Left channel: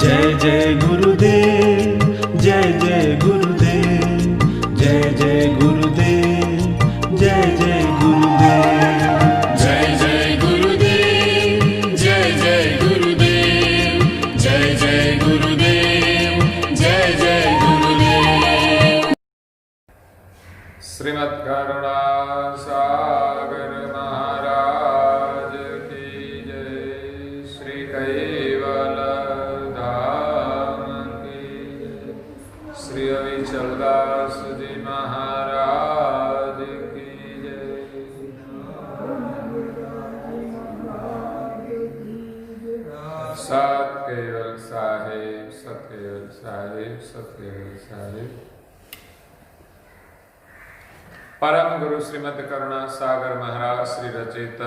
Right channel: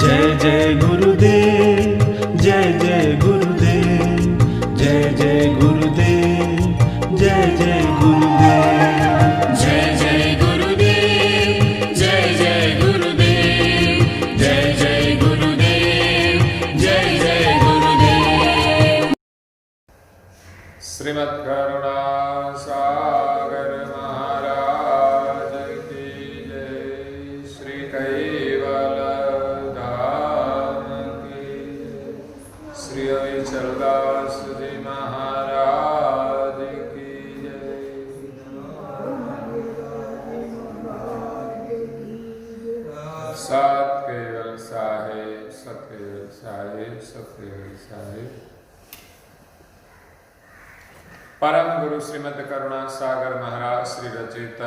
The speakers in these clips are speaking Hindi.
जय जय गुरुदेव, जय जय गुरुदेव, जय जय गुरुदेव, जय जय गुरुदेव, जय जय गुरुदेव, जय जय गुरुदेव, जय जय गुरुदेव, जय जय गुरुदेव। श्रीमद् करुणा सागर महाराज की जय। श्री कैवल धाम की जय। श्री अविचलदास जी महाराज की जय। सत केवल साहिब, सत केवल साहिब, सत केवल साहिब। परम गुरु श्रीमद् करुणा सागर महाराज श्री रचित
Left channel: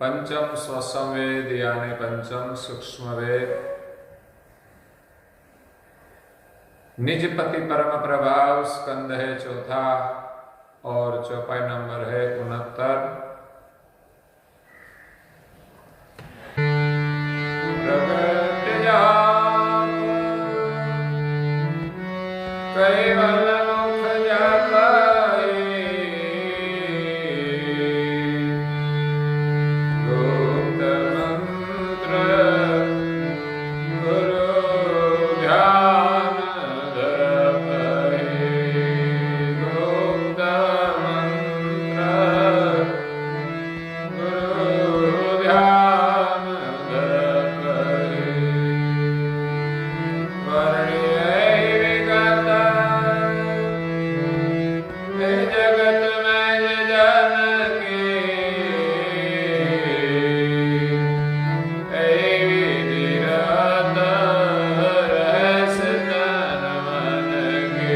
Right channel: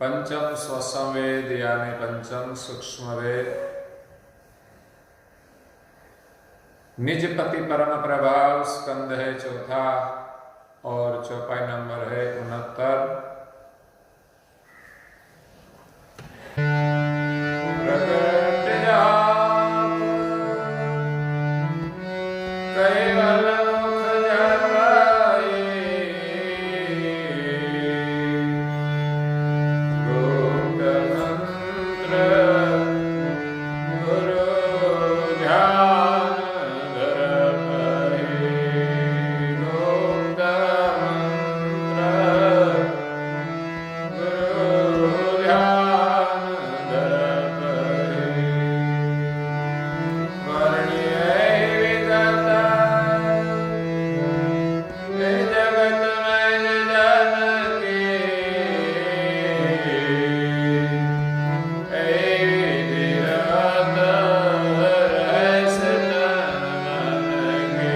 पंचम स्वसंवेद यानी पंचम सूक्ष्म वेद निजपति परम प्रभाव स्कंद है चौथा और चौपाई नंबर है 69। प्रगट जाप कैवल मुख जापाए, गुप्त मंत्र गुरु ध्यान धर पाए, गुप्त मंत्र गुरु ध्यान धर पाए। वर्ण्य विगत जगत में जन के, विधिरत रहस तन मन के,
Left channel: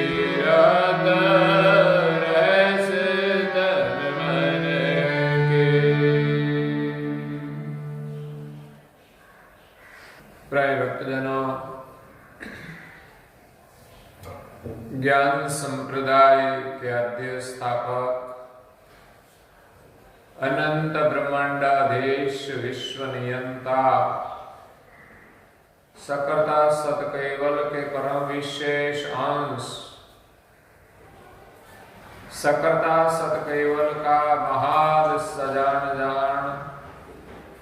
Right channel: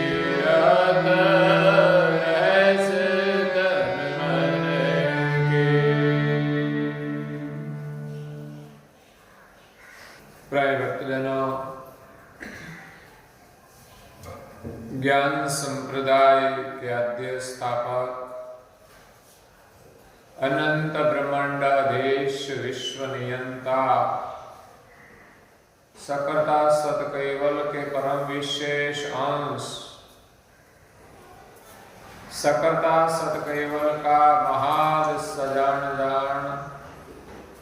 विधिरत रहस तन मन के। प्राय भक्तजनों, ज्ञान संप्रदाय के आद्य स्थापक अनंत ब्रह्मांड अधीश विश्व नियंता सकर्ता सत कैवल के परम विशेष अंश सकर्ता सत कैवल का महान सजान जान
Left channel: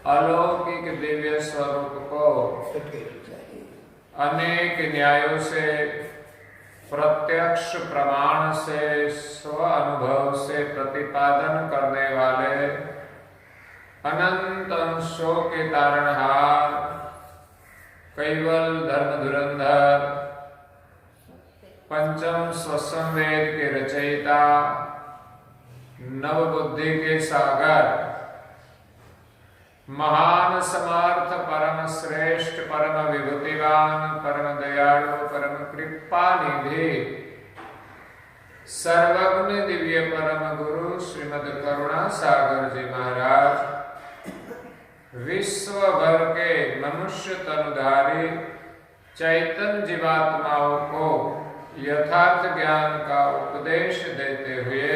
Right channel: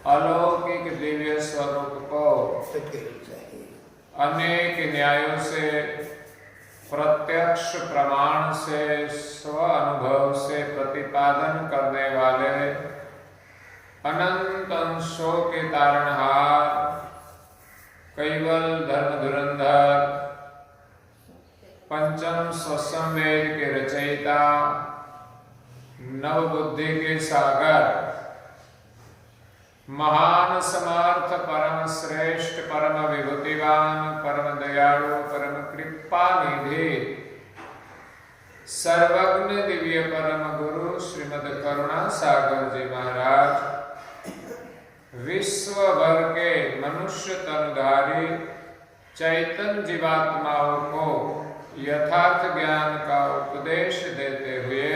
अलौकिक दिव्य स्वरूप को अनेक न्यायों से प्रत्यक्ष प्रमाण से स्व अनुभव से प्रतिपादन करने वाले अनंत अंशों के तारणहार कैवल धर्म धुरंधर पंचम स्वसंवेद के रचयिता नवबुद्धि के सागर महान समर्थ परम श्रेष्ठ परम विभूतिवान परम दयालु परम कृपा निधि सर्वज्ञ दिव्य परम गुरु श्रीमद् करुणा सागर जी महाराज विश्व भर के मनुष्य तनुधारी चैतन्य जीवात्माओं को यथार्थ ज्ञान का उपदेश देते हुए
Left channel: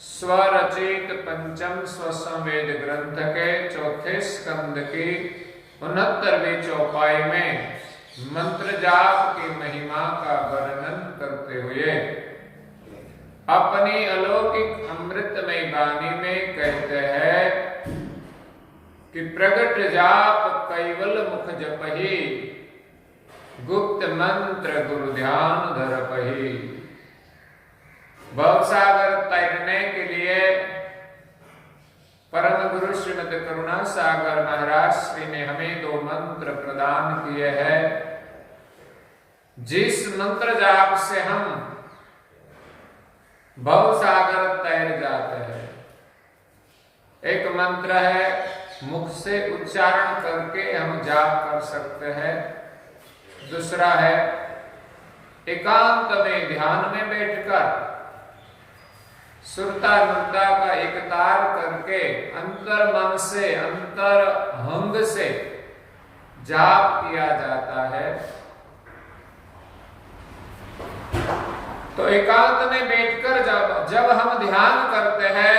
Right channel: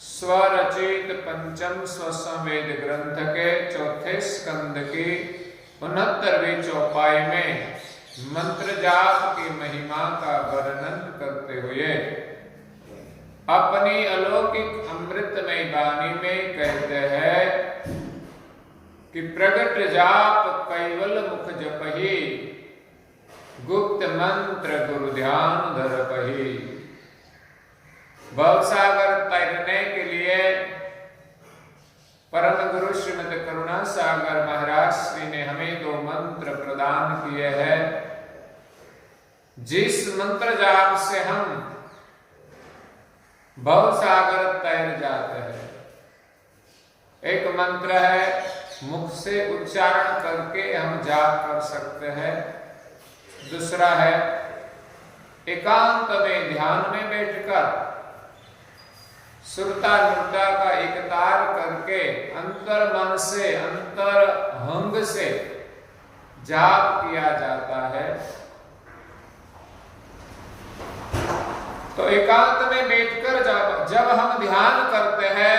स्वरचित पंचम स्वसंवेद ग्रंथ के चौथे स्कंद की 69वीं चौपाई में मंत्र जाप की महिमा का वर्णन करते हुए अपनी अलौकिक अमृतमय वाणी में कहते हैं कि प्रगट जाप कैवल मुख जपहि, गुप्त मंत्र गुरु ध्यान धर पहि। भवसागर तैरने के लिए परम गुरु श्रीमद् करुणा सागर महाराज श्री ने हमें 2 मंत्र प्रदान किए हैं, जिस मंत्र जाप से हम भवसागर तैर जाते हैं। एक मंत्र है मुख से उच्चारण करके हम जाप कर सकते हैं, दूसरा है एकांत में ध्यान में बैठकर सुरता नृता का एकतार करके अंतर मन से अंतर हंग से जाप किया जाता है। तो एकांत में बैठकर जब हम ध्यान करते हैं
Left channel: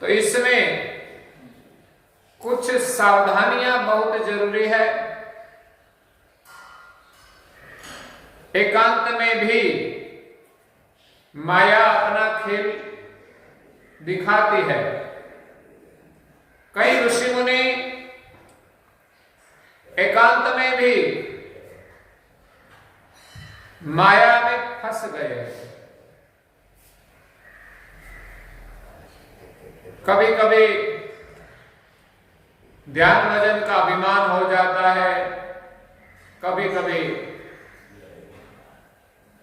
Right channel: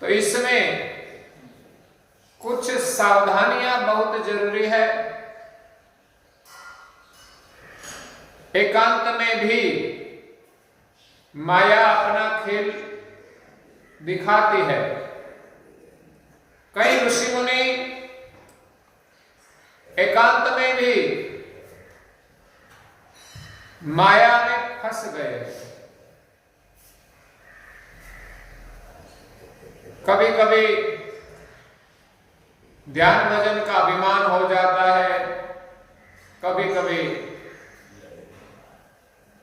तो इसमें कुछ सावधानियां बहुत जरूरी है। एकांत में भी माया अपना खेल दिखाती है। कई ऋषि मुनि एकांत में भी माया में फंस गए। कभी कभी ध्यान भजन का अभिमान हो जाता है, कभी कभी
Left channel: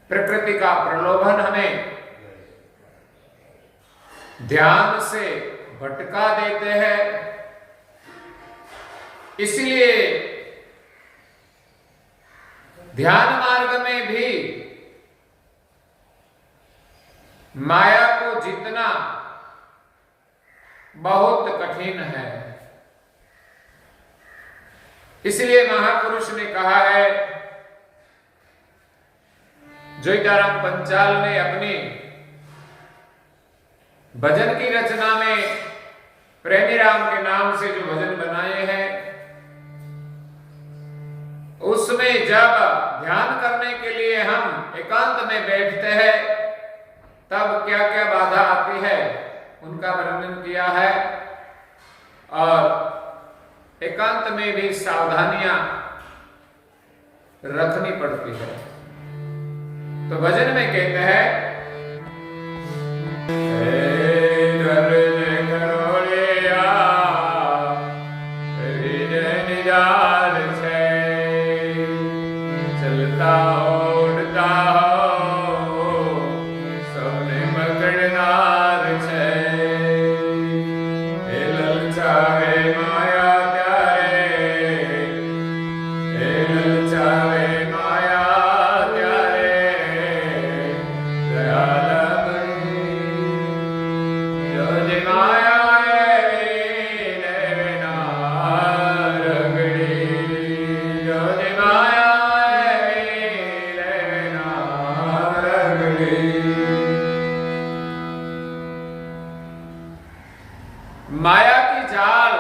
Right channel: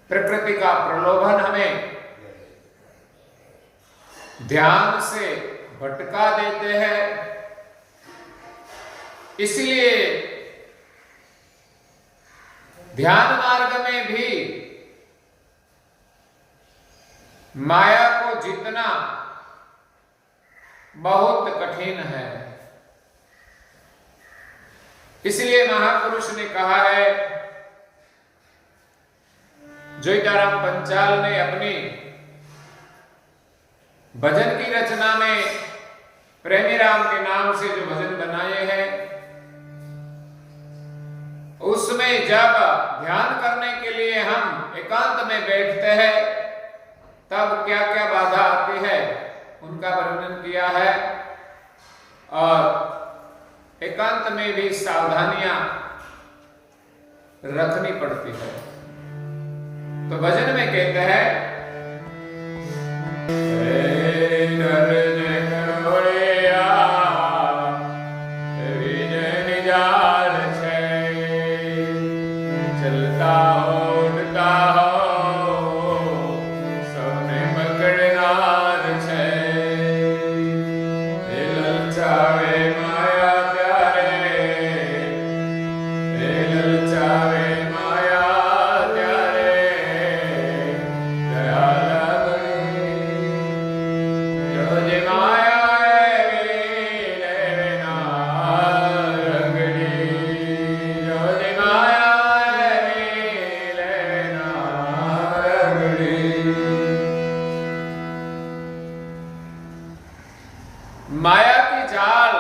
प्रकृति का प्रलोभन हमें ध्यान से भटका देते हैं। इसलिए ध्यान मार्ग में भी माया को जीतना बहुत कठिन है। इसलिए महापुरुष ने कहा है, जोईताराम पंचाल ने अपनी भजन की रचना में प्रेमी राम के नाम से जो भजन बनाए हैं, उसमें जब ध्यान करने के लिए हम एकांत में बैठते हैं तब क्या क्या बाधा आती है उनका वर्णन किया है। और एकांत में भी सावधानियां रखनी पड़ती है। तो भजन में कहते हैं, चलता हो उड़ता हो सोने पकड़नार छे, ललचावे माया त्यारे, ललचावे माया त्यारे दयाल बड़ी, जो जे माया माया की जाल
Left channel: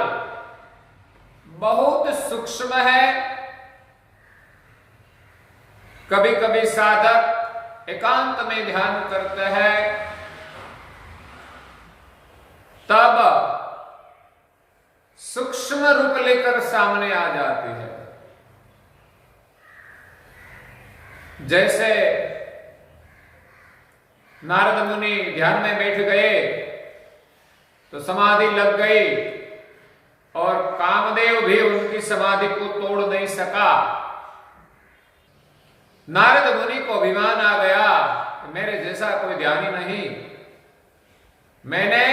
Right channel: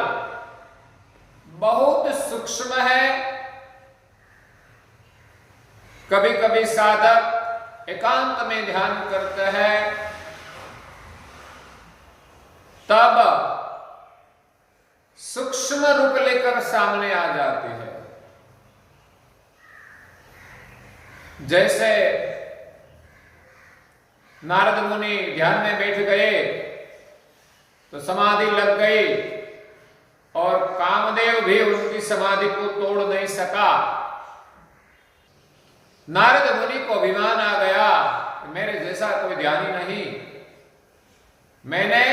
बहुत सूक्ष्म है। कभी कभी साधक एकांत में ध्यान करते हैं तब सूक्ष्म रूप लेकर सामने आ जाती है। जैसे नारद मुनि ध्यान में बैठ गए तो समाधि लग गई और कामदेव भी उनकी समाधि को तोड़ नहीं सका। नारद मुनि को अभिमान आ गया कि मेरे जैसा कोई ध्यानी नहीं, मैंने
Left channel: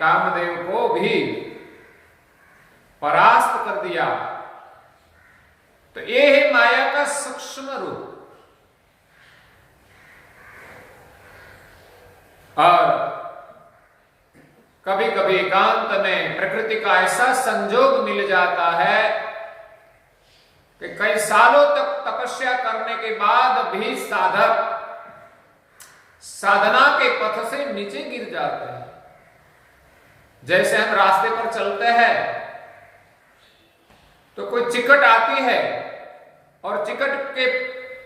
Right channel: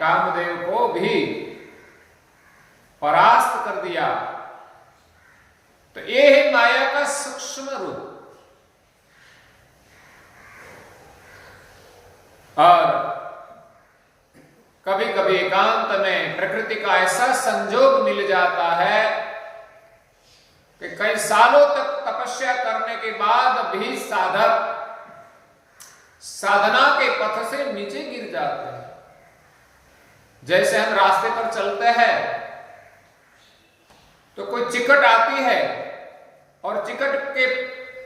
कामदेव को भी परास्त कर दिया। तो ये है माया का सूक्ष्म रूप। और कभी कभी एकांत में प्रकृति का ऐसा संजोग मिल जाता है कि कई सालों तक तपस्या करने के बाद भी साधक साधना के पथ से नीचे गिर जाते हैं। जैसे हम रास्ते पर चलते हैं तो कोई चिकट आती है और चिकट के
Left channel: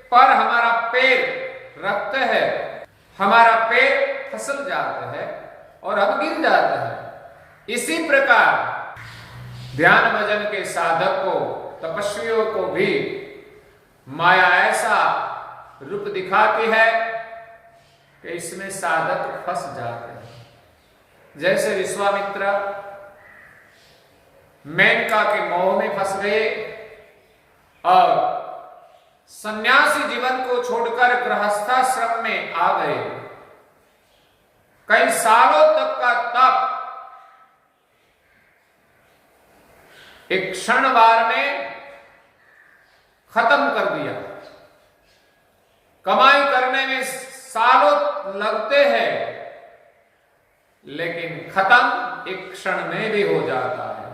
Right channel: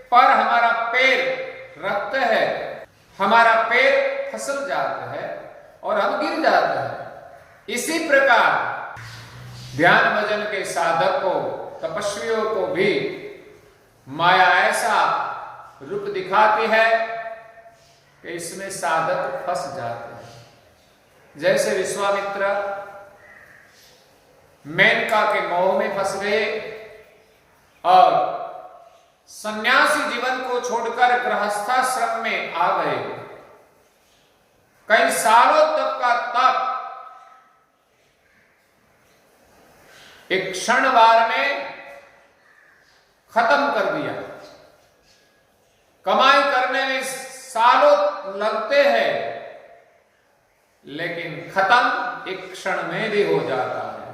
पर हमारा पैर रखते हैं, हमारा पैर फिसल जाते हैं और हम गिर जाते हैं। इसी प्रकार ध्यान भजन के साधक को, तपस्वियों को भी माया ऐसा रूप दिखाती है कि इसमें साधक फंस जाते हैं। जैसे विश्वामित्र मेनका के मोह में फंस गए और सन्यासी जीवन को छोड़कर गृहस्थाश्रम में आ गए। कई सालों तक का तप एक क्षणवार में खत्म कर दिया। कमाई करने में सालों लगते हैं लेकिन खत्म एक क्षण में भी हो जाता है।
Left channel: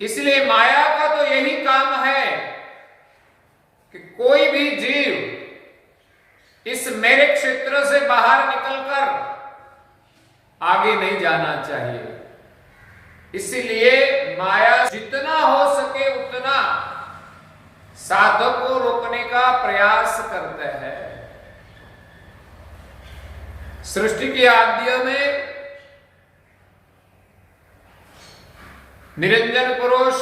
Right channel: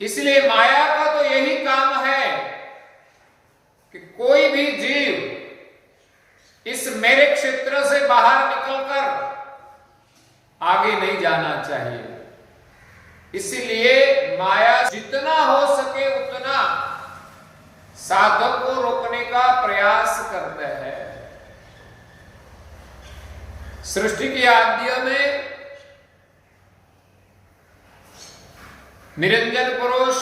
इसलिए माया का तो यही काम है कि कोई भी जीव इस मेरे क्षेत्र से बाहर निकलकर आगे नहीं जाना चाहिए। इसीलिए माया जितना हो सके उतना साधक को रोकने का प्रयास करते हैं। सृष्टि के आद्य में निरंजन पुरुष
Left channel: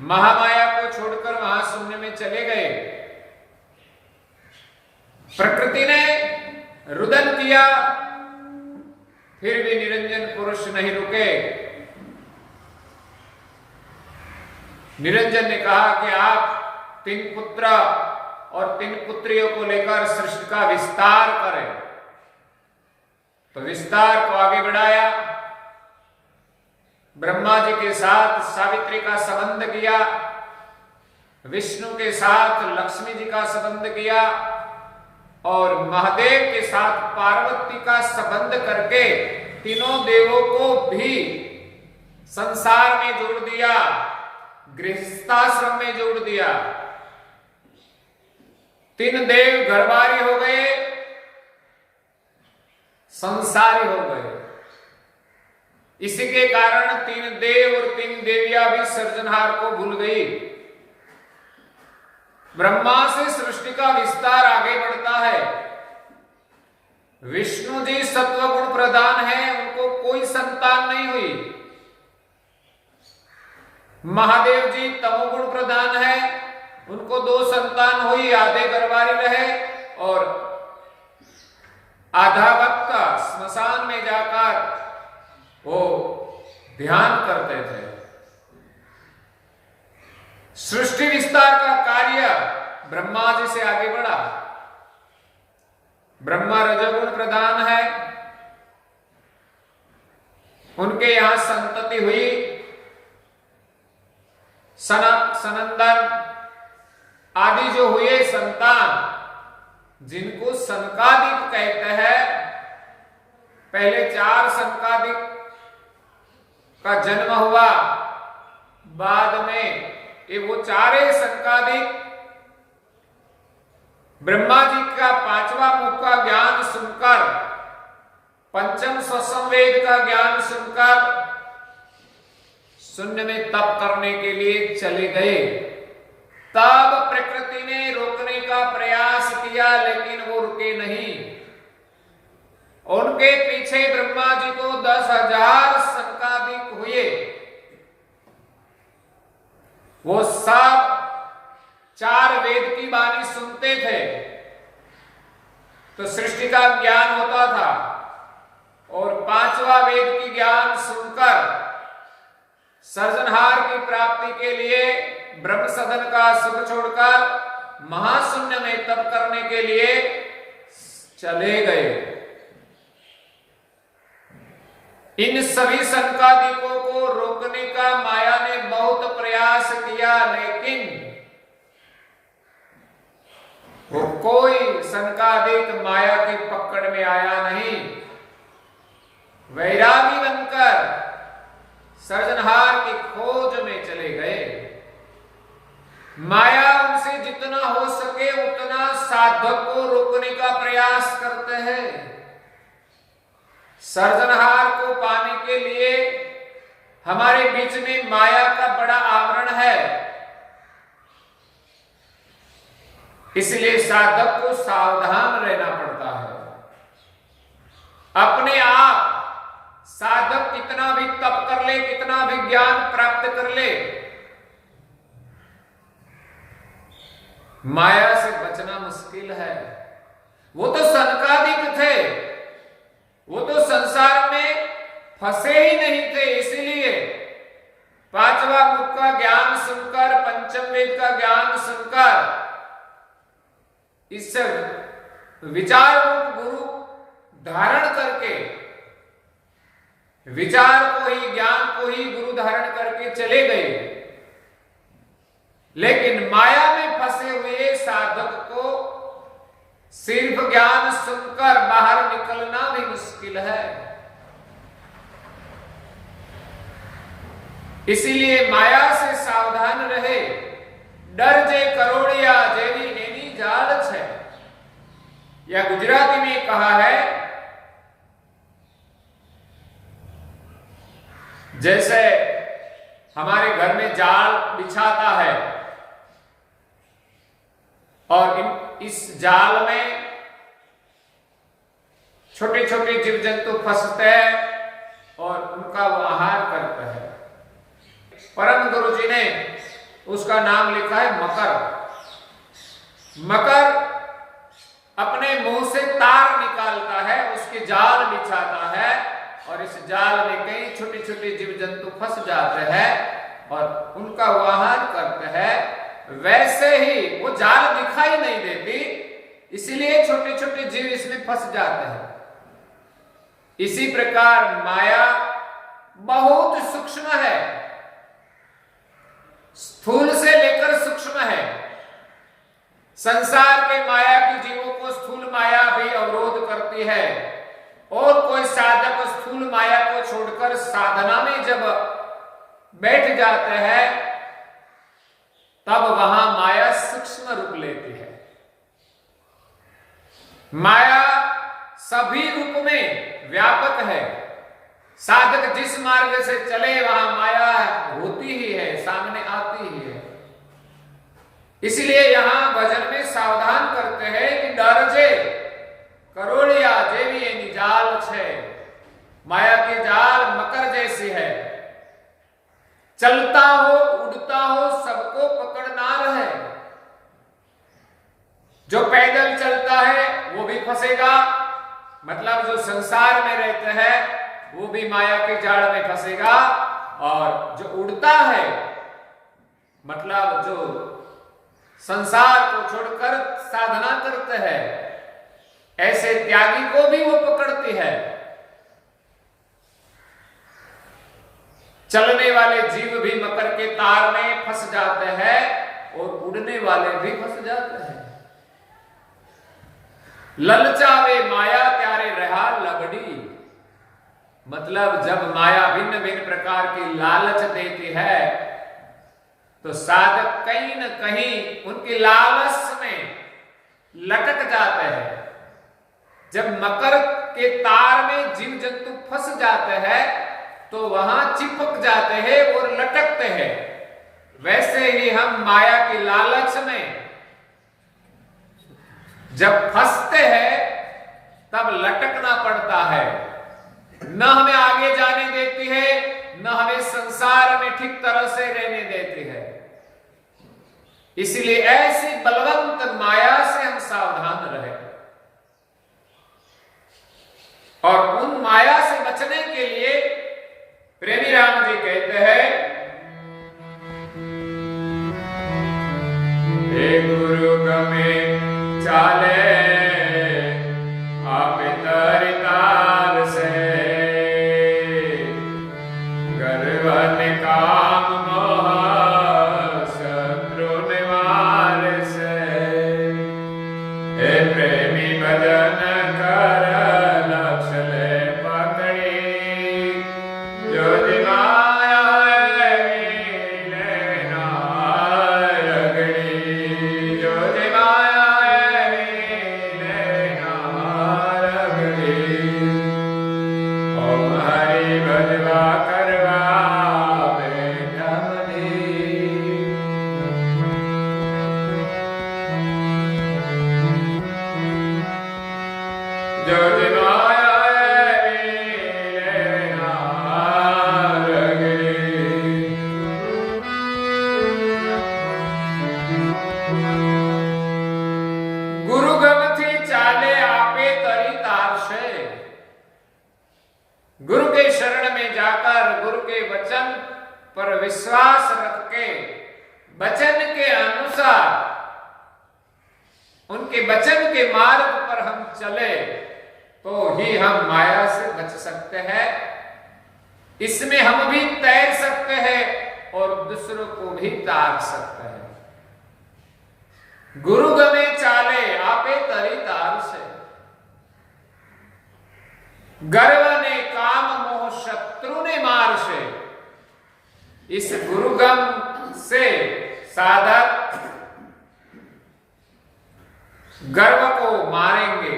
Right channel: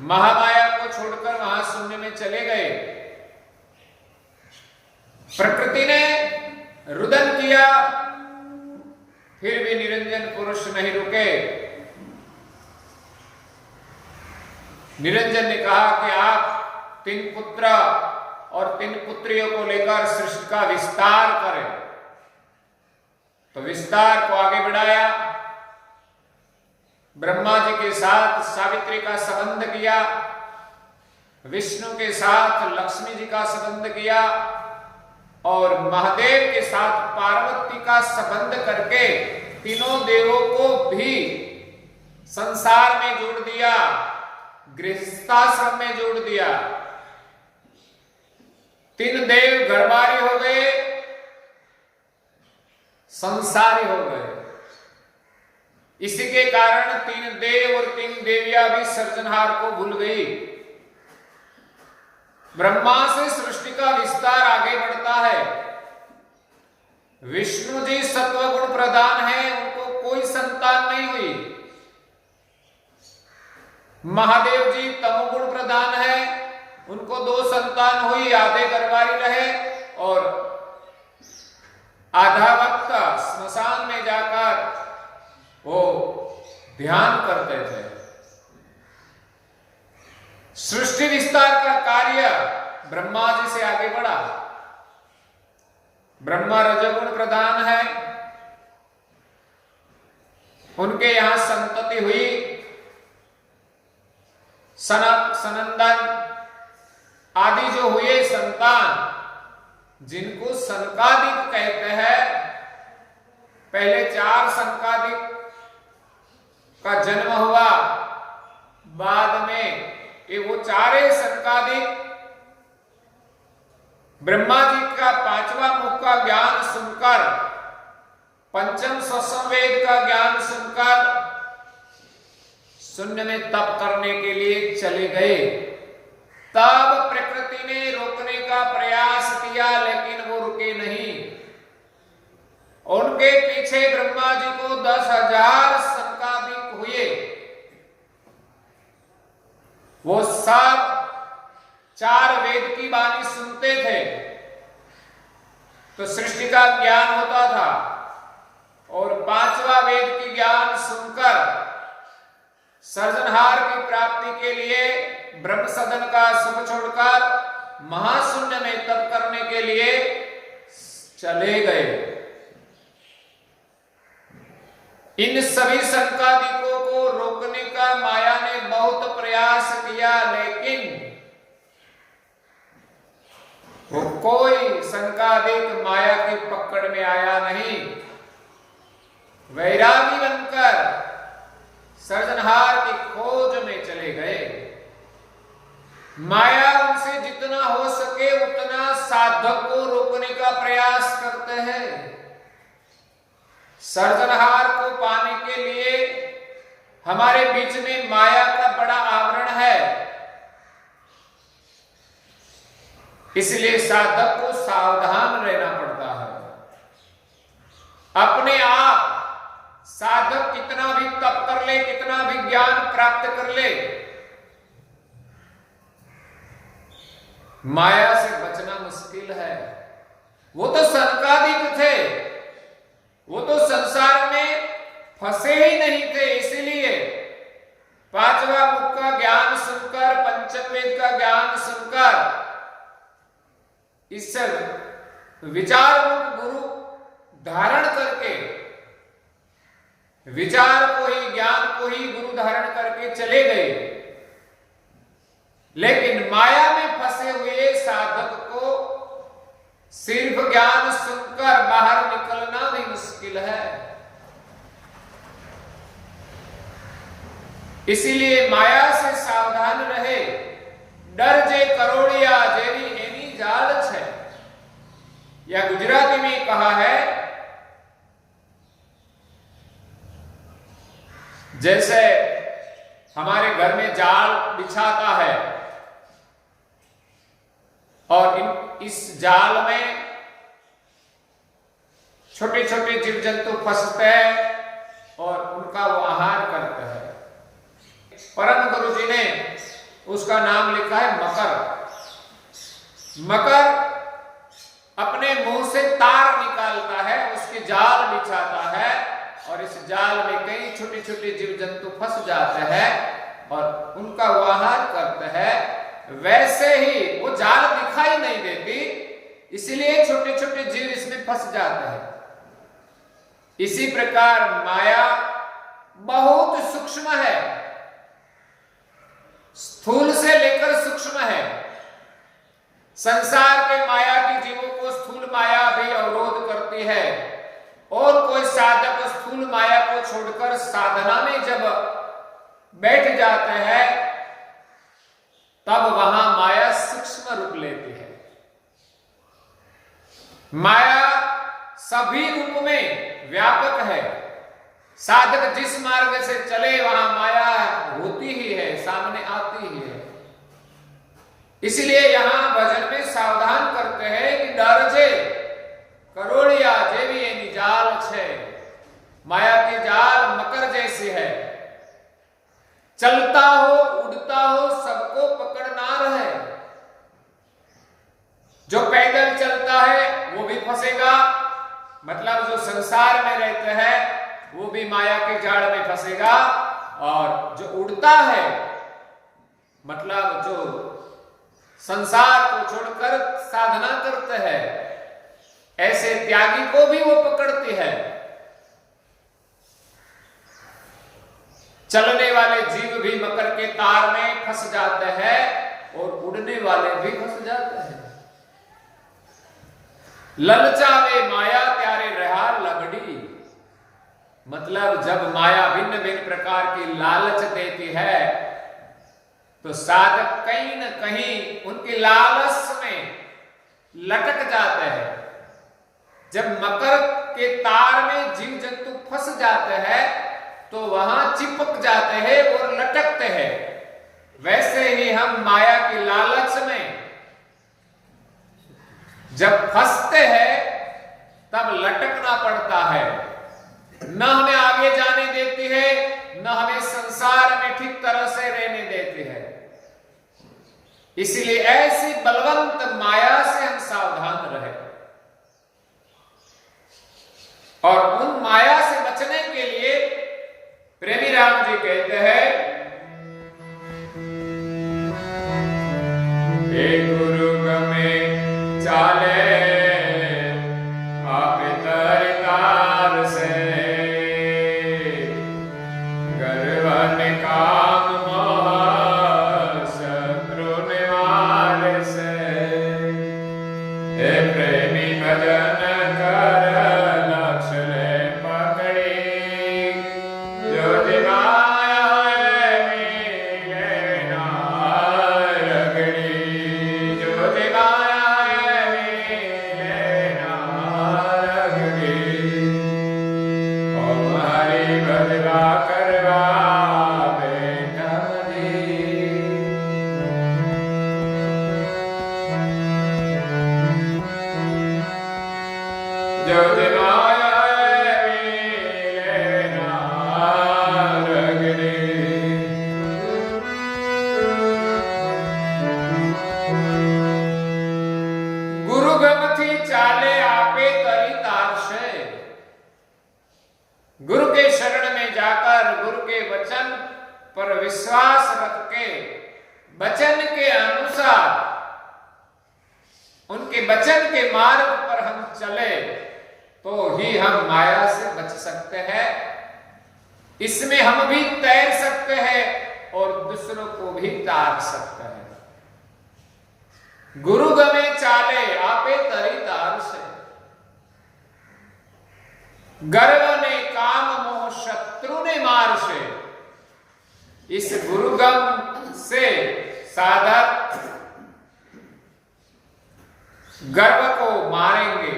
महामाया को छोड़कर महाशून्य में चले गए। प्रकृति ने रुदन किया, फिर भी निरंजन पुरुष नहीं रुके। निरंजन ने कहा कि आप 3 पुत्र और 3 पुत्रियों को लेकर सृष्टि का विस्तार करें। तो विस्तार को आगे बढ़ाया। ब्रह्मा जी के साथ सावित्री का संबंध किया, विष्णु के साथ लक्ष्मी जी का संबंध किया और महादेव के साथ पार्वती का संबंध करके तीनों देवों को भी संसार में जोड़ दिया, गृहस्थाश्रम में जोड़ दिया। 3 देव घरबारी हो गए, संसारी हो गए। इसी के कारण 3 देव और 3 देवियां भी सृजनहार को भूल गई। ब्रह्मा से सृष्टि का विस्तार आगे बढ़ता है। विष्णु जी सत्वगुण प्रधान है, उनको कोई संतान नहीं हुई। महादेव जी तमोगुण प्रधान है, उनको 2 संतान हुई, आधे घरबारी रहे और आधा वक्त स्मशान में जाकर वो ध्यान करते थे। सृष्टि विस्तार का कार्य ब्रह्मा जी से आगे बढ़ा। ब्रह्मा रजोगुण प्रधान है, उनके यहां संतति हुई। सनक सनंदन आदि जो हुए संतान, जिनको सनकादिक कहते हैं। पहले 4 सनकादिक का जन्म हुआ, बाद में ये वो 4 सनकादिक ब्रह्मा जी का 5वां मुख का ज्ञान सुनकर, 5म स्वसंवेद का ज्ञान सुनकर शून्य में तप करने के लिए चले गए। तब प्रकृति ने रोकने का प्रयास किया, लेकिन वो रुके नहीं। उनके पीछे ब्रह्मा जी को 10,000 सनकादिक हुए। वो सब 4 वेद की वाणी सुनते थे तो सृष्टि का ज्ञान होता था, और 5वां वेद की ज्ञान सुनकर सर्जनहार की प्राप्ति के लिए ब्रह्म सदन का सुख छोड़कर महाशून्य में तप करने के लिए चले गए। इन सभी संकादिकों को रोकने का माया ने बहुत प्रयास किया, लेकिन वो कोई संकादिक माया की पकड़ में आया नहीं। वैरागी बनकर सर्जनहार की खोज में चले गए। माया उनसे जितना हो सके उतना साधक को रोकने का प्रयास करते हैं। सर्जनहार को पाने के लिए हमारे बीच में माया का बड़ा आवरण है। इसलिए साधक को सावधान रहना पड़ता है। अपने आप साधक कितना भी तप कर ले, कितना भी ज्ञान प्राप्त कर ले, माया से बचना मुश्किल है। वो तो सनकादिक थे, वो तो संसार में फंसे ही नहीं थे। इसीलिए 5वां मुख का ज्ञान सुनकर, 5म वेद का ज्ञान सुनकर, इस विचार रूप गुरु धारण करके, विचार को ही, ज्ञान को ही गुरु धारण करके चले गए। लेकिन माया में फंसे हुए साधक को सिर्फ ज्ञान सुनकर बाहर निकलना भी मुश्किल है। इसीलिए माया से सावधान रहे। डर जे करोड़िया जेरी एनी जाल छे, या गुजराती में कहा है जैसे हमारे घर में जाल बिछाता है और इस जाल में छोटे छोटे जीव जंतु फंसते हैं और उनका वो आहार करते हैं। परम गुरु जी ने उसका नाम लिखा है मकर। मकर अपने मुंह से तार निकालता है, उसके जाल बिछाता है और इस जाल में कई छोटे छोटे जीव जंतु फंस जाते हैं और उनका वो आहार करते हैं। वैसे ही वो जाल दिखाई नहीं देती, इसलिए छोटे छोटे जीव इसमें फंस जाते हैं। इसी प्रकार माया बहुत सूक्ष्म है, स्थूल से लेकर सूक्ष्म है। संसार के माया की जीवों को स्थूल माया भी अवरोध करती है और कोई साधक स्थूल माया को छोड़कर साधना में जब बैठ जाते हैं तब वहां माया सूक्ष्म रूप लेती है। माया सभी रूप में व्यापक है। साधक जिस मार्ग से चले वहां माया होती ही है, सामने आती ही है। इसलिए यहां भजन में सावधान करते हैं कि डर जे करोड़िया जेवी एनी जाल छे। माया की जाल मकर जैसी है, चलता हो उड़ता हो सबको पकड़ ना रहे। जो पैदल चलता है वो भी फंसेगा, मतलब जो संसार में रहते हैं वो भी माया के जाल में फंसेगा, और जो उड़ता है मतलब जो संसार को छोड़कर साधना करते हैं ऐसे त्यागी को भी वो पकड़ती है। चलने वाले जीव भी मकर के तार में फंस जाते हैं और उड़ने वाले भी फंस जाते हैं। ललचावे माया त्यारे रहा लगड़ी, मतलब जब माया भिन्न भिन्न प्रकार की लालच देती है तो साधक कहीं न कहीं उनकी लालच में लटक जाते हैं। जब मकर के तार में जीव जंतु फंस जाते हैं तो वहां चिपक जाते हैं और लटकते हैं। वैसे ही हम माया की लालच में जब फंसते हैं तब लटकना पड़ता है। न हमें आगे जाने देती है, न हमें संसार में ठीक तरह से रहने देती है। इसलिए ऐसी बलवंत माया से हम सावधान रहे और उन माया से बचने के लिए प्रेमी राम जी कहते हैं, हे गुरु गमे चाले आप तार से, गर्वन काम मोह शत्रु निवार से। हे प्रेमी भजन कर लक्ष्य ले पकड़ी, जो माया मिले ना रगड़ी, जो माया मिले ना रगड़ी। ओम हरि भजवा करवा बेटा मनी, जो माया मिले ना रगड़ी। गुरु गम थी चाले आपे तरी तार से। गुरु के शरण में जाकर गुरु के वचन पर विश्वास रख के वचन के अनुसार उनके वचन के मार्ग पर हम चले तो ही हम माया से बच सकते हैं। इसमें हम भी तैर सकते हैं और दूसरों को भी तार सकते हैं। गुरु गमे चाले आपे तरी तार से, गर्व ने काम मोह शत्रु ने मार से। इस गुरुगम से साधक गर्व को मारेंगे,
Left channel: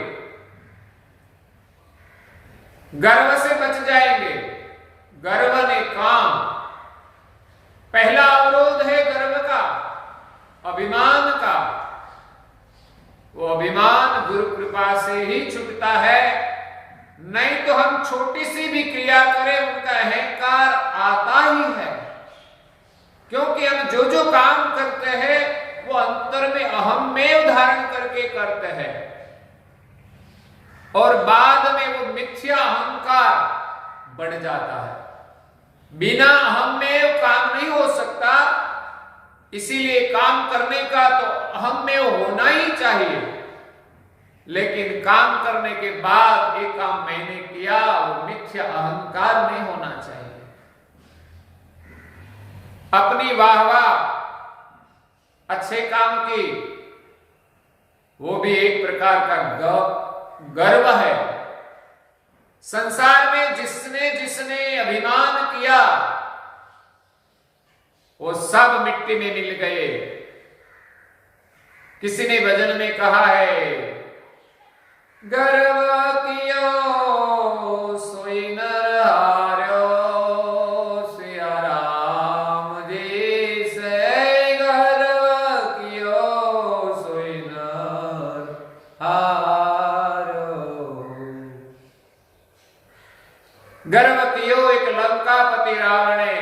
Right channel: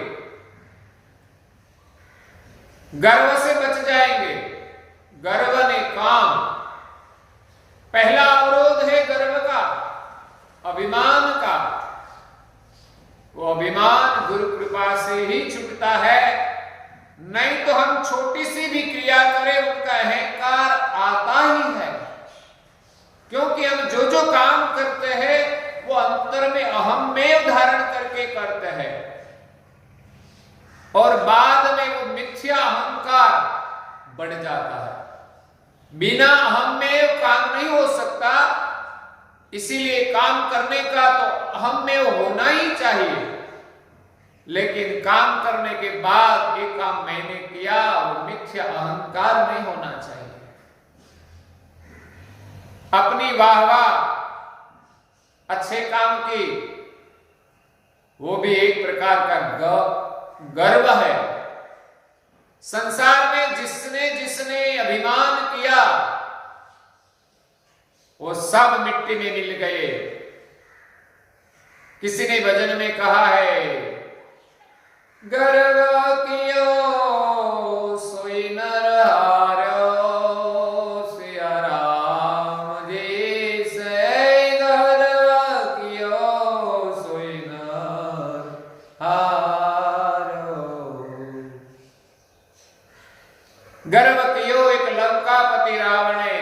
गर्व से बच जाएंगे। गर्व ने काम अभिमान का, वो अभिमान गुरु कृपा से ही छूटता है। नहीं तो हम छोटी सी भी क्रिया करें उनका अहंकार आता ही है, क्योंकि हम जो जो काम करते हैं वो अंतर में अहम में धारण करके करते हैं और बाद में वो मिथ्या अहंकार बढ़ जाता है। बिना अहम में काम नहीं हो सकता, इसीलिए काम करने का तो अहम में होना ही चाहिए, लेकिन काम करने के बाद एक काम मैंने किया वो मिथ्या अहंकार नहीं होना चाहिए। अपनी वाहवाह अच्छे काम की, वो भी एक प्रकार का गर्व है। संसार में जिसने जिसने अभिमान किया वो सब मिट्टी में मिल गए। किसी ने भजन में कहा है, गर्व कियो सोई नर हार्यो, सिया राम जी से गर्व कियो सोई नर हार्यो। गर्व कियो एक लंकापति रावणे,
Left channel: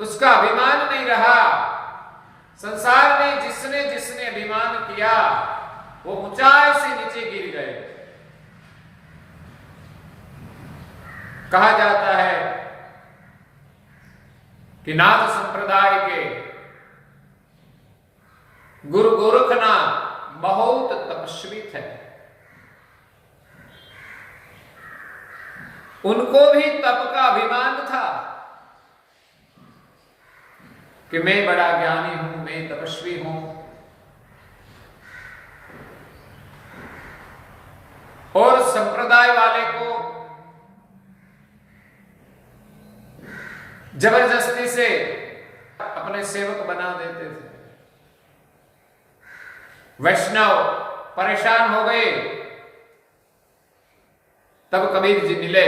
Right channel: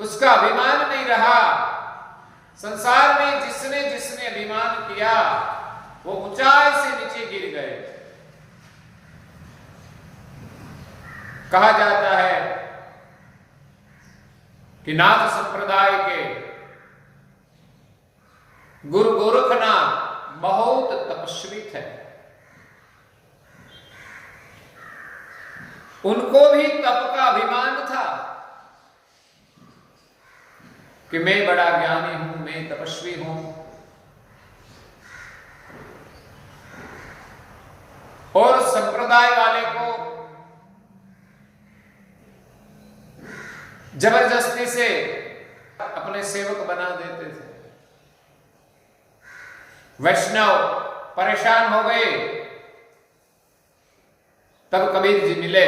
उसका अभिमान नहीं रहा। संसार में जिसने जिसने अभिमान किया वो ऊंचाई से नीचे गिर गए। कहा जाता है कि नाथ संप्रदाय के गुरु गोरखनाथ बहुत तपस्वी थे। उनको भी तप का अभिमान था कि मैं बड़ा ज्ञानी हूं, मैं तपस्वी हूं। और संप्रदाय वाले को जबरदस्ती से अपने सेवक बना देते थे। वैष्णव परेशान हो गए, तब कबीर जी मिले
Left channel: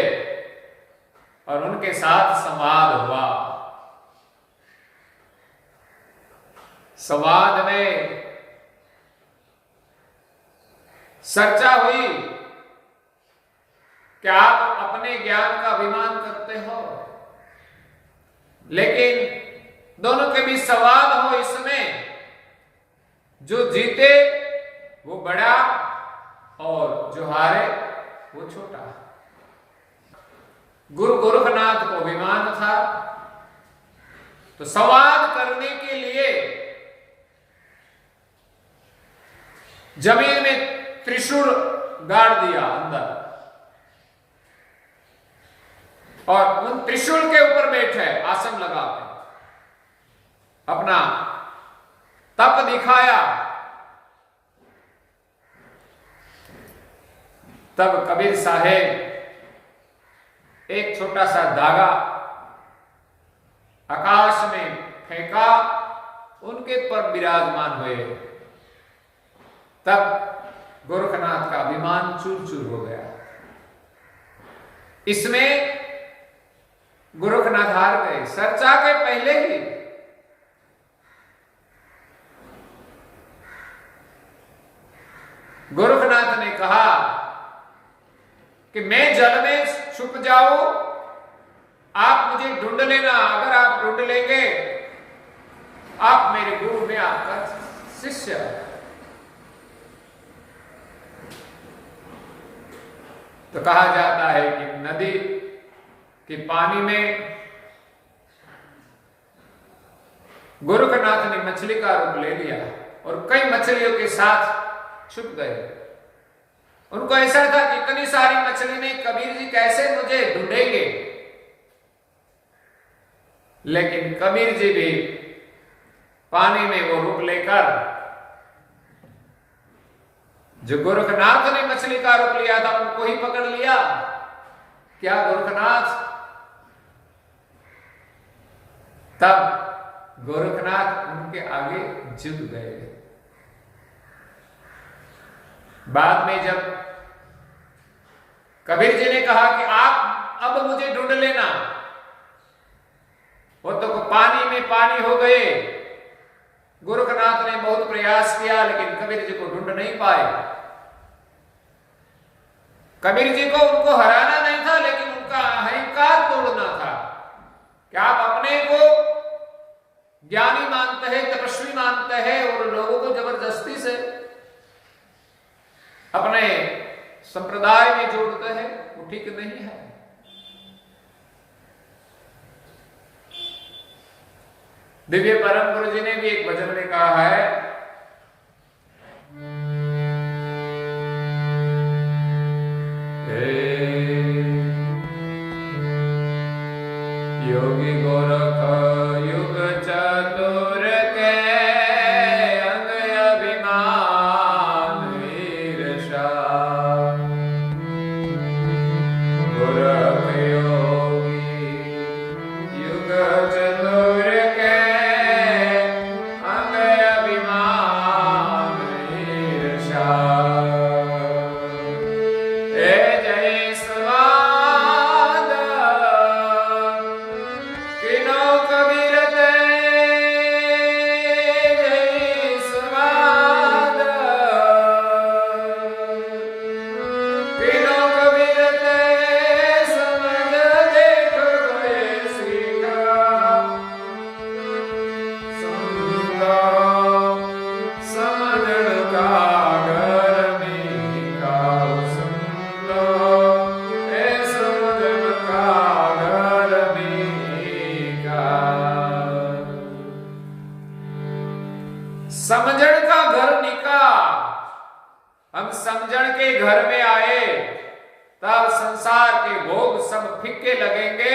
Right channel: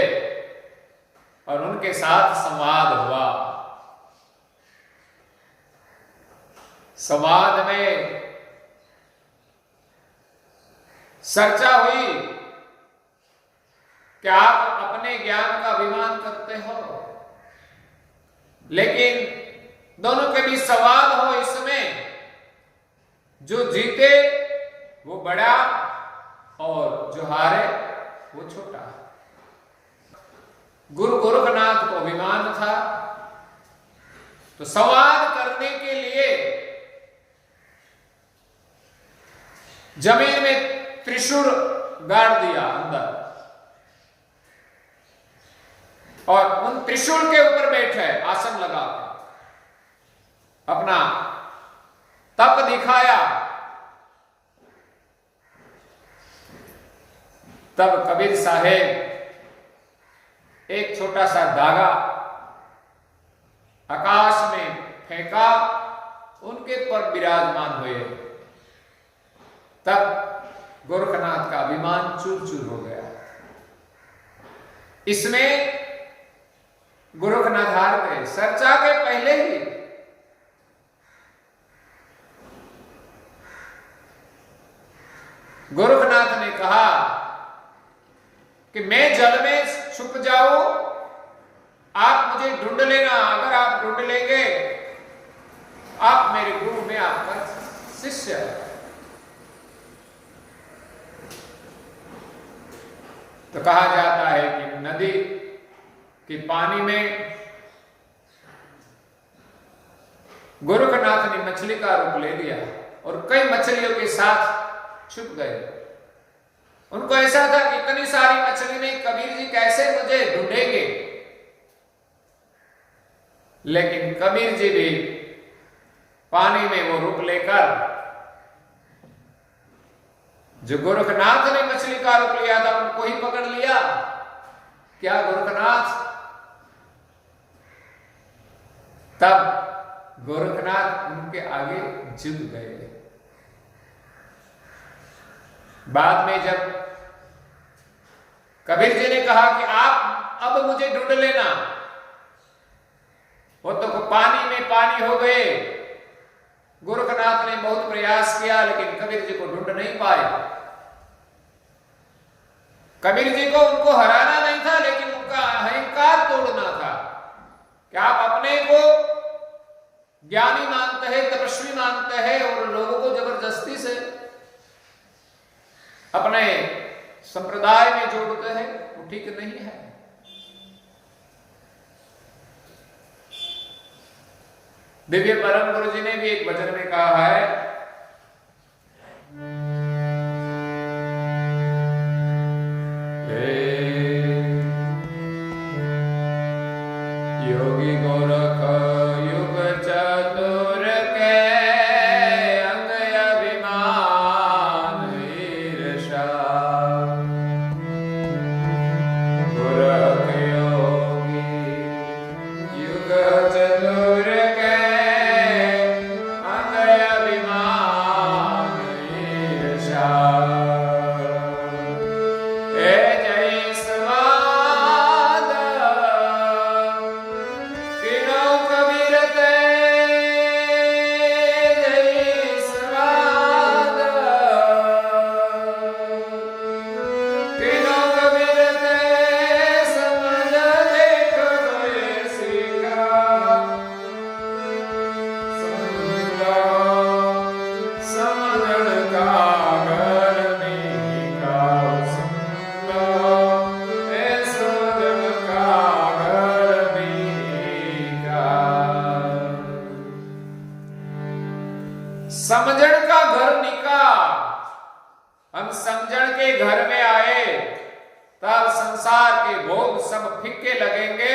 और उनके साथ संवाद हुआ। संवाद में चर्चा हुई कि आप अपने ज्ञान का अभिमान करते हो, लेकिन दोनों के बीच संवाद हो इसमें जो जीते वो बड़ा और जो हारे वो छोटा। गुरु गोरखनाथ को अभिमान था, तो संवाद करने के लिए जमीन में त्रिशूल गाड़ दिया अंदर और उन त्रिशूल के ऊपर बैठे आसन लगा के अपना तप दिखाया। तब कबीर साहेब एक छोटा सा धागा आकाश में फेंका, उनके पर विराजमान हुए। तब गोरखनाथ का अभिमान चूर चूर हो गया। इसमें गोरखनाथ हार गए चर्चा के पहले ही। गोरखनाथ ने कहा कि मैं जल में छुप जाऊं, आप मुझे ढूंढ लेना। अगर आप ढूंढ लेंगे आप मेरे गुरु में आपका शिष्य। तो कहा जाता है कि नदी के पानी में गोरखनाथ ने मछली का रूप ले लिया और कई मछलियों के साथ छुप गए। उनको ऐसा था कि इतनी सारी मछली में कबीर जी कैसे मुझे ढूंढेंगे, लेकिन कबीर जी भी पानी में वो रूप लेकर, जो गोरखनाथ ने मछली का रूप लिया था उनको ही पकड़ लिया। क्या गोरखनाथ? तब गोरखनाथ उनके आगे झुक गए। बाद में जब कबीर जी ने कहा कि आप अब मुझे ढूंढ लेना, वो तो पानी में पानी हो गए गोरखनाथ ने बहुत प्रयास किया लेकिन कबीर जी को ढूंढ नहीं पाए। कबीर जी को उनको हराना नहीं था लेकिन उनका अहंकार तोड़ना था कि आप अपने को ज्ञानी मानते हैं, तपस्वी मानते हैं और लोगों को जबरदस्ती से अपने संप्रदाय में जोड़ते हैं, वो ठीक नहीं है। दिव्य परम गुरु जी ने भी एक भजन में कहा है, योगी गोरख युग चतुर के अंग अभिमान ईर्षा, गोरख योगी युग चतुर के अंग अभिमान ईर्षा, जय स्वाद किनो कबीर ते, जय स्वाद किनो कबीर ते, समझ देख गए सीखा, समझण का घर नहीं गाओ सुनो, ए समझण का घर नहीं गाओ। समझण का घर निका, हम समझण के घर में आए तब संसार के भोग सब फीके लगेंगे।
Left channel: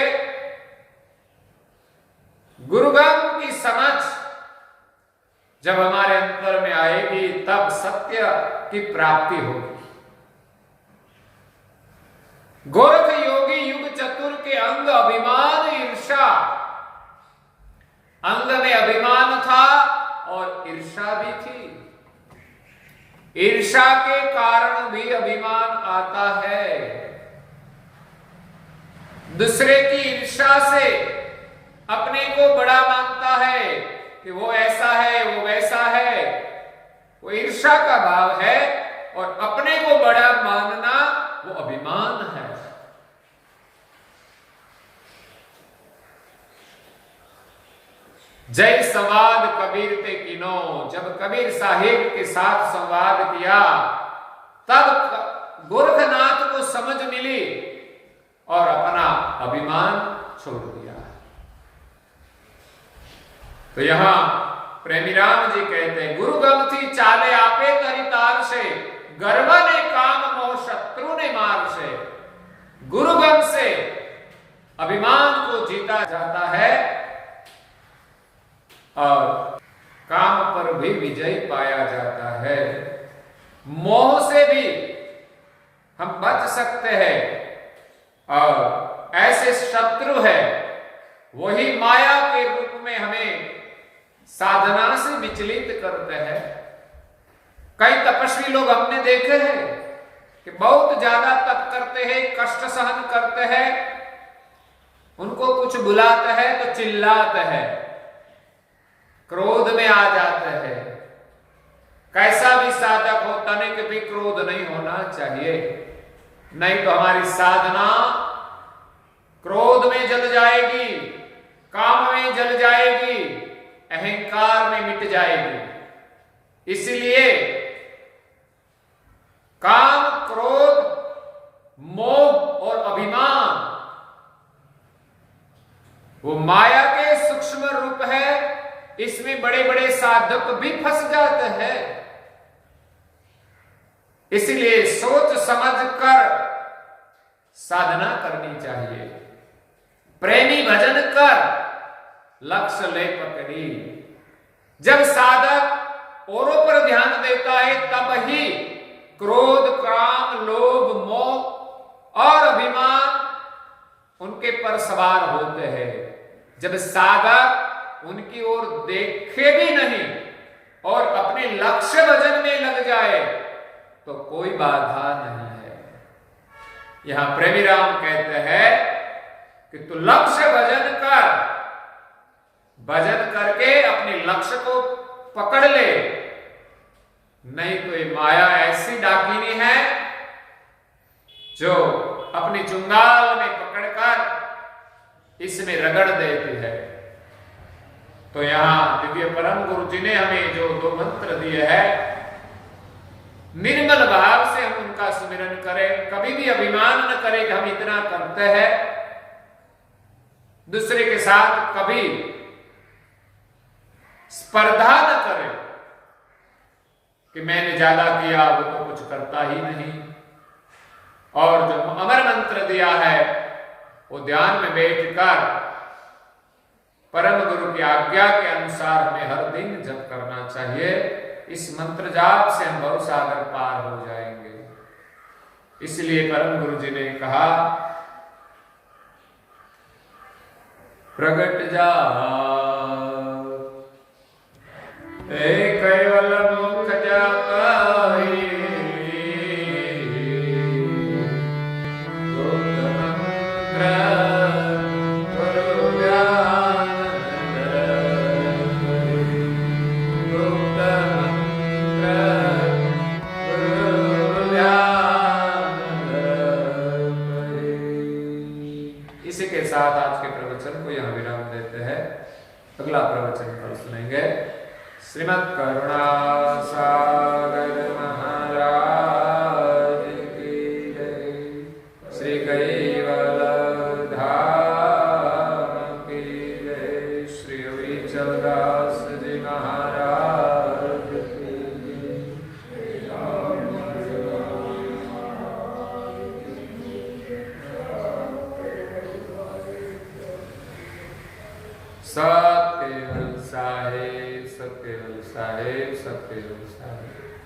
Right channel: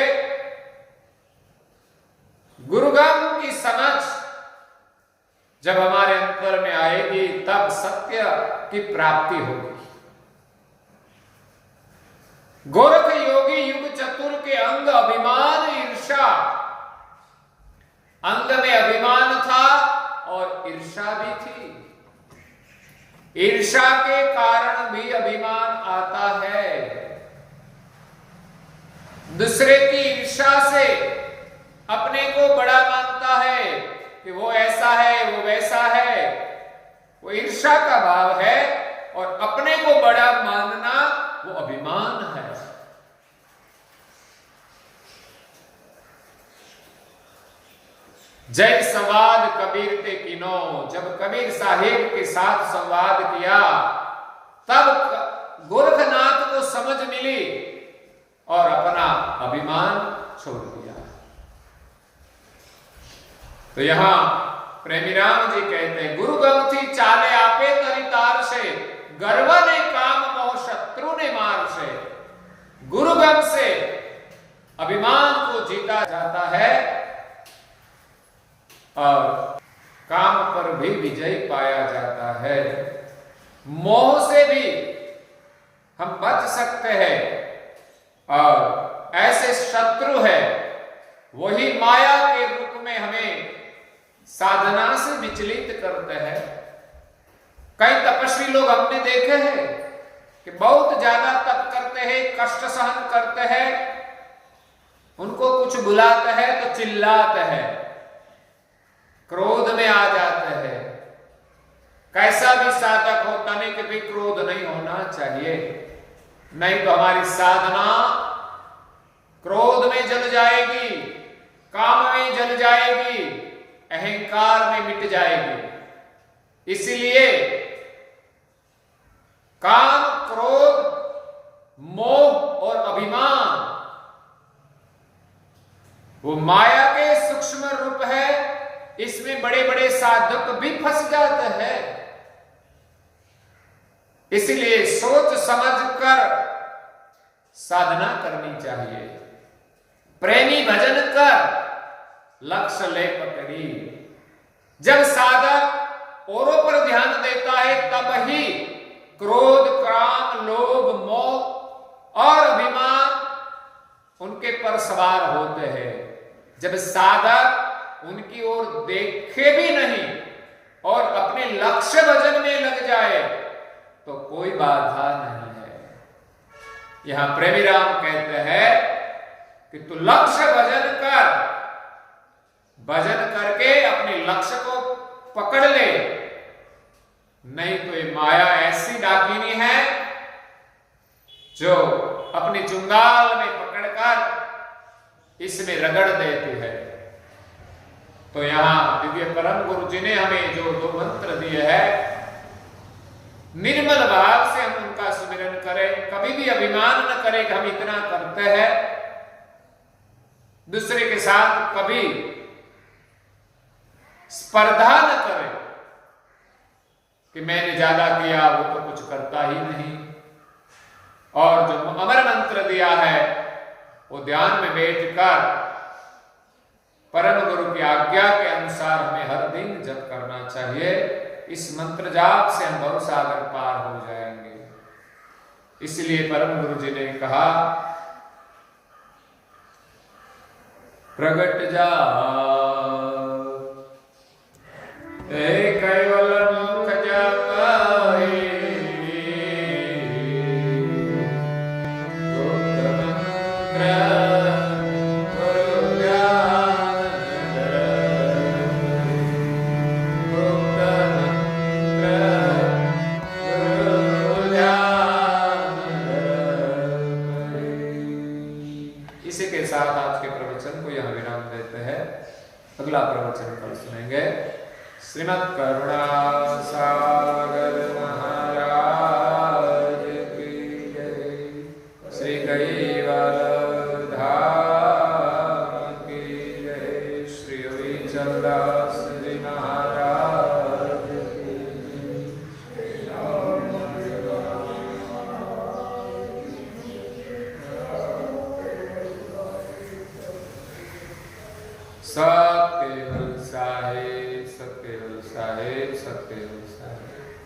गुरुगम की समझ जब हमारे अंतर में आएगी तब सत्य की प्राप्ति होगी। गोरख योगी युग चतुर के अंग अभिमान ईर्षा, अंग में अभिमान था और ईर्षा भी थी। ईर्षा के कारण भी अभिमान आता है। दूसरे की ईर्षा से अपने को बड़ा मानता है कि वो ऐसा है, वो वैसा है, वो ईर्षा का भाव है। और अपने को बड़ा मानना वो अभिमान है। जय संवाद कबीर ते किनो, जब कबीर साहिब के साथ संवाद किया तब गोरखनाथ को समझ मिली और अपना अभिमान छोड़ दिया। तो यहां प्रेमी राम जी कहते हैं, गुरु गम थी चाले आपे तरितार से, गर्व ने काम मोह शत्रु ने मार से। गुरु गम से अभिमान को जीता जाता है और काम पर भी विजय पाया जाता है। मोह से भी हम बच सकते हैं और ऐसे शत्रु है वही माया के रूप में हमें साधना से विचलित करते हैं। कई तपस्वी लोग हमने देखे हैं कि बहुत ज्यादा तप करते हैं, कष्ट सहन करते हैं, उनको कुछ बुलाते हैं तो चिल्लाते हैं, क्रोध में आ जाते हैं। कैसा भी साधक हो तने के भी क्रोध नहीं होना चाहिए, नहीं तो हमारी साधना क्रोध में जल जाएगी, काम में जल जाएगी, अहंकार में मिट जाएगी। इसलिए काम, क्रोध, मोह और अभिमान वो माया के सूक्ष्म रूप है। इसमें बड़े बड़े साधक भी फंस जाते हैं। इसलिए सोच समझकर साधना करनी चाहिए। प्रेमी भजन कर लक्ष्य ले पकड़ी। जब साधक औरों पर ध्यान देता है तब ही क्रोध, काम, लोभ, मोह और अभिमान उनके पर सवार होते हैं। जब साधक उनकी ओर देखे भी नहीं और अपने लक्ष्य भजन में लग जाए तो कोई बाधा नहीं है। यहां प्रेमी राम कहते हैं कि तू लक्ष्य भजन कर, भजन करके अपने लक्ष्य को पकड़ ले, नहीं तो ये माया ऐसी डाकिनी है जो अपनी चुंगाल में पकड़कर इसमें रगड़ देती है। तो यहां दिव्य परम गुरु जी ने हमें जो 2 मंत्र दिए हैं, निर्मल भाव से हम उनका सुमिरन करें, कभी भी अभिमान न करें कि हम इतना करते हैं, दूसरे के साथ कभी स्पर्धा न करें कि मैंने ज्यादा किया, वो तो कुछ करता ही नहीं। और जो अमर मंत्र दिया है वो ध्यान में बैठकर परम गुरु की आज्ञा के अनुसार हमें हर दिन जप करना चाहिए। इस मंत्र जाप से हम भव सागर पार हो जाएंगे। इसलिए परम गुरु जी ने कहा, प्रगट जा कैवल मुख जपाई, गुप्त मंत्र गुरु ध्यान धरे, गुप्त मंत्र गुरु ध्यान धरे। इसी के साथ आज के प्रवचन को यहाँ विराम देते हैं। अगला प्रवचन कल सुनेंगे। श्रीमद् करुणा सागर महाराज की जय। श्री कैवल धाम की जय। श्री अविचल दास जी महाराज की जय। सत केवल साहेब, सत केवल साहेब, सत केवल साहेब।